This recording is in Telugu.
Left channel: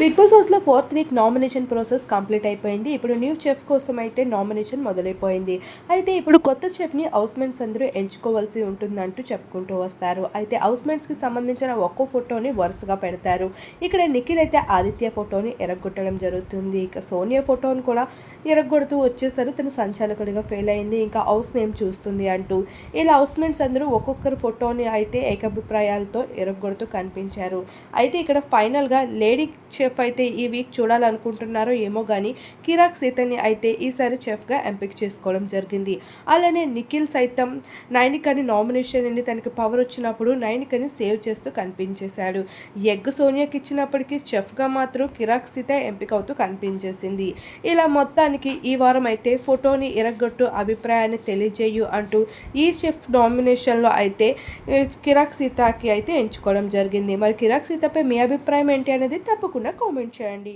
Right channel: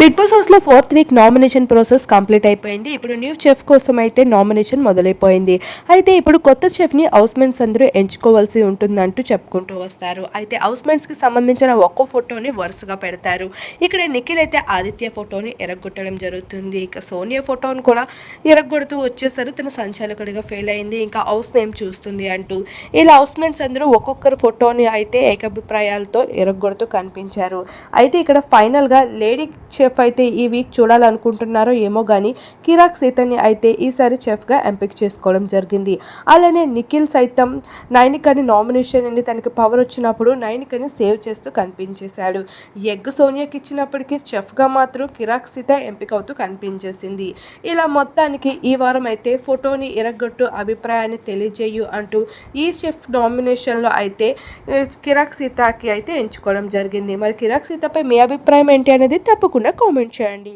బిగ్ బాస్ హౌస్లో 4th week nomination process complete అయిపోయింది. ఇప్పుడు న్యూ చెఫ్ కోసం అయితే నామినేషన్ మొదలైపోయింది. అయితే ఇప్పుడు కొత్త చెఫ్ని హౌస్మేట్స్ అందరూ ఎంచుకోవాల్సి ఉంటుందంటూ చెప్పుకుంటూ వస్తారు. అయితే హౌస్మేట్స్కి సంబంధించిన ఒక్కో ఫోటోని వరుసగా పెడతారు. ఇక్కడ నిఖిల్ అయితే ఆదిత్య ఫోటోని ఎరగొట్టడం జరుగుతుంది. ఇక సోనియా ఫోటోని కూడా ఎరగొడుతూ వచ్చేసారు. తన సంచాలకుడిగా ఫెయిల్ అయింది, ఇంకా హౌస్ నేమ్ చూస్తుంది అంటూ. ఇలా హౌస్మేట్స్ అందరూ ఒక్కొక్కరు ఫోటోని అయితే ఏకాభిప్రాయాలతో ఎరగొడుతూ కనిపించారు. అయితే ఇక్కడ ఫైనల్గా లేడీ చెఫ్ అయితే ఈ వీక్ చూడాలనుకుంటున్నారో ఏమో కానీ కిరాక్ సీతని అయితే ఈసారి చెఫ్గా ఎంపిక చేసుకోవడం జరిగింది. అలానే నిఖిల్ సైతం నైనికని నామినేషన్ అని తనకి పవర్ వచ్చినప్పుడు నైనికని సేవ్ చేస్తూ కనిపించేశాడు. ఎగ్ సోనియాకి ఇచ్చినప్పటికీ చెఫ్గా మాత్రం కిరాక్ సీత ఎంపిక అవుతూ కనిపించేసింది. ఇలా మొత్తానికి ఈ వారం అయితే ఫోటోని ఎరగొట్టు అభిప్రాయాన్ని తెలియజేయు అంటూ ఈ చెఫ్ నామినేషన్లో అయితే కిరాక్ సీతకి అయితే ఎంచుకోవడం జరిగింది. మరి కిరాక్ సీతపై మీ అభిప్రాయం ఏంటి అనేది తప్పకుండా కామెంట్ చేయండి.